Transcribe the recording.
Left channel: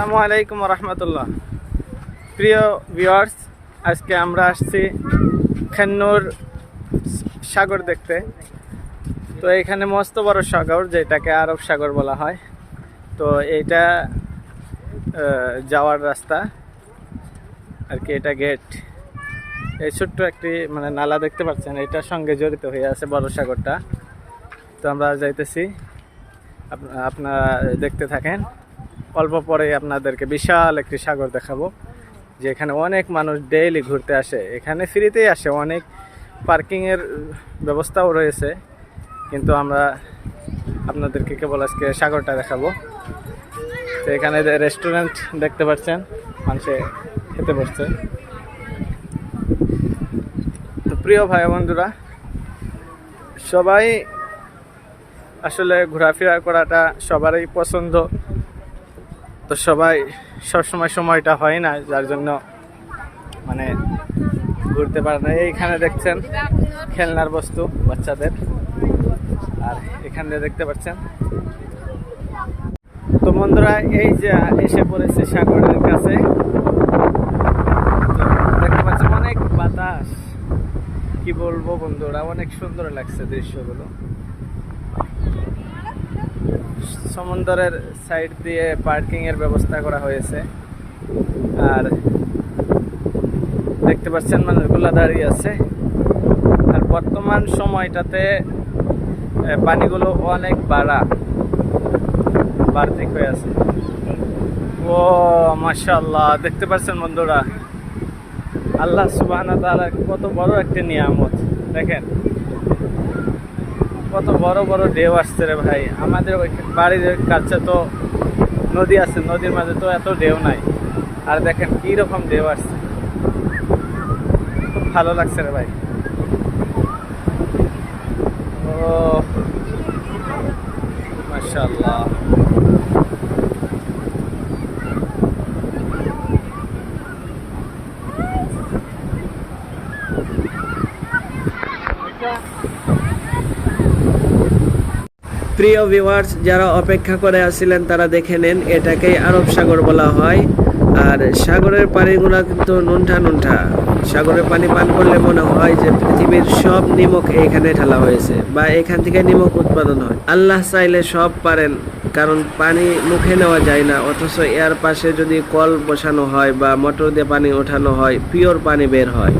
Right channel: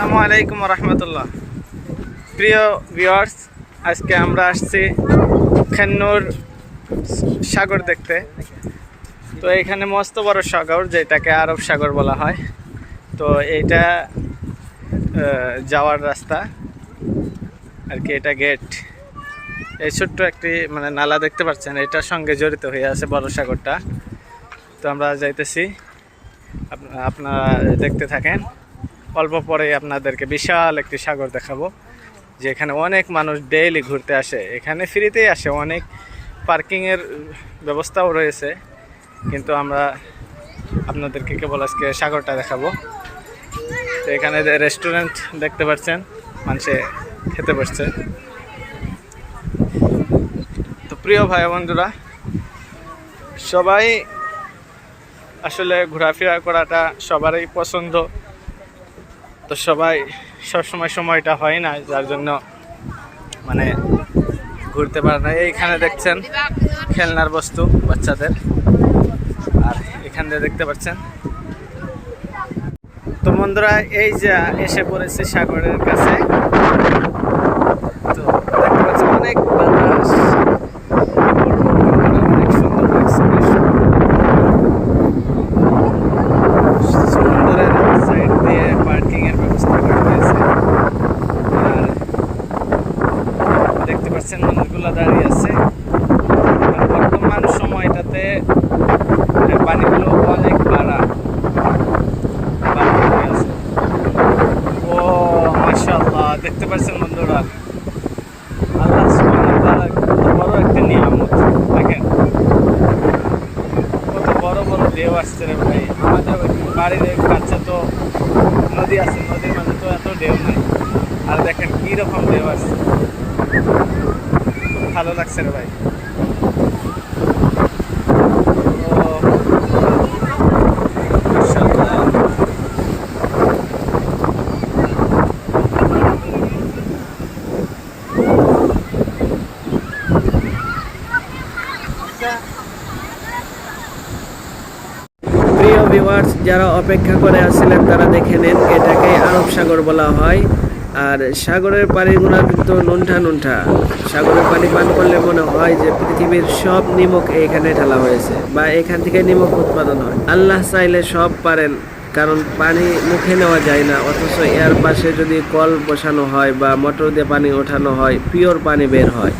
আসসালামু আলাইকুম রহমতুল্লাহ। প্রিয় ভিউয়ার্স, আজকে আমরা আসছি খেন্নুর সাগর দেখতে। তো এখানে মস্ত বড় সাগর, যেটাকে আরব সাগর বলা হয়। তো এইটা যাওয়ার রাস্তা আর কি, এটা গেট। এই ছোট্ট একটি নালা দেখতে পাচ্ছেন, এটার সঙ্গে জড়িত হয়ে আছে বড় সাগরটা। তো আমরা যাইতেছি, আপনারা দেখতে থাকেন। অল্প পরে আপনাদেরকে বিশাল একটি সাগর দেখাবো, যেখানে অনেক মানুষ ডেইলি ঘুরতে আসে। এখানে ফ্রিতেই আসে, অনেক পার্কিংয়ের ব্যবস্থাও রয়েছে, কিন্তু আমরা আপনাদেরকে কেবল আজকে সাগরটা দেখাবো। তো এখানে রেস্টুরেন্ট দেখতে পাচ্ছেন, মানুষে খেতে বসছে। তো প্রিয় ভাই বন্ধুরা, সবাই আসলে ঘোরাফেরা করাটা সবারই পছন্দ। তো সবাই সবসময় সময়টা হয় না, যার জন্য ঘুরতে পারে না। এইখানে দেখছেন খেলনার বস্তু বাচ্চাদের, আর এখান দিয়ে দেখতে পাচ্ছেন। তো বন্ধুরা, এই যে এসে পড়েছে সাগরের কাছে। তো দেখতে পাচ্ছেন অনেক বাতাস, কি বলবো বন্ধুরা, অনেক সুন্দর লাগছে দৃশ্য। সমুদ্রের সাইড দিয়ে পার্কিং এর ব্যবস্থা করা হয়েছে, আর দেখতে পাচ্ছেন মানুষগুলো দাঁড়িয়ে আছে। আর বর্তমান সময়টাতে পানিগুলো অনেক বাড়া হয়ে আছে। ও মাশাআল্লাহ, দেখতে পাচ্ছেন বন্ধুরা, আল্লাহ সুবহানাহু ওয়া তাআলা কত বড় একটা নিয়ামত। দেখেন কত বড় বড় ঢেউ আসছে রে ভাই। আমাদের বাড়ির কাছে তো নদী আছে, নদীর মাঝে তো এত ঢেউ নাই, আর দেখেন কি রকম ঢেউ আসছে। খুব ভালো লাগছে রে ভাই। ও মাশাআল্লাহ। প্রিয় ভিউয়ার্স, যারা অপেক্ষা করে আসছিলেন তারা দেখে নেন, এটাকে আরব সাগর বলা হয়। আর সাগরের পানিগুলো কিন্তু নুনঠা নুনঠা। সাগরের পানি পান করলে মনে হয় যে পৃথিবীর সব নিমক এখানে ঢালা হয়েছে, বা এখান থেকে নিমক উৎপাদন হয়। আল্লাহ চাইলে সব পারেন, কারণ পানি মুখে নেওয়া যায় না, অথচ এর পাশে যদি কল বসানো হয় বা মোটর দিয়ে পানি ওঠানো হয়, পিওর পানি বের হয়।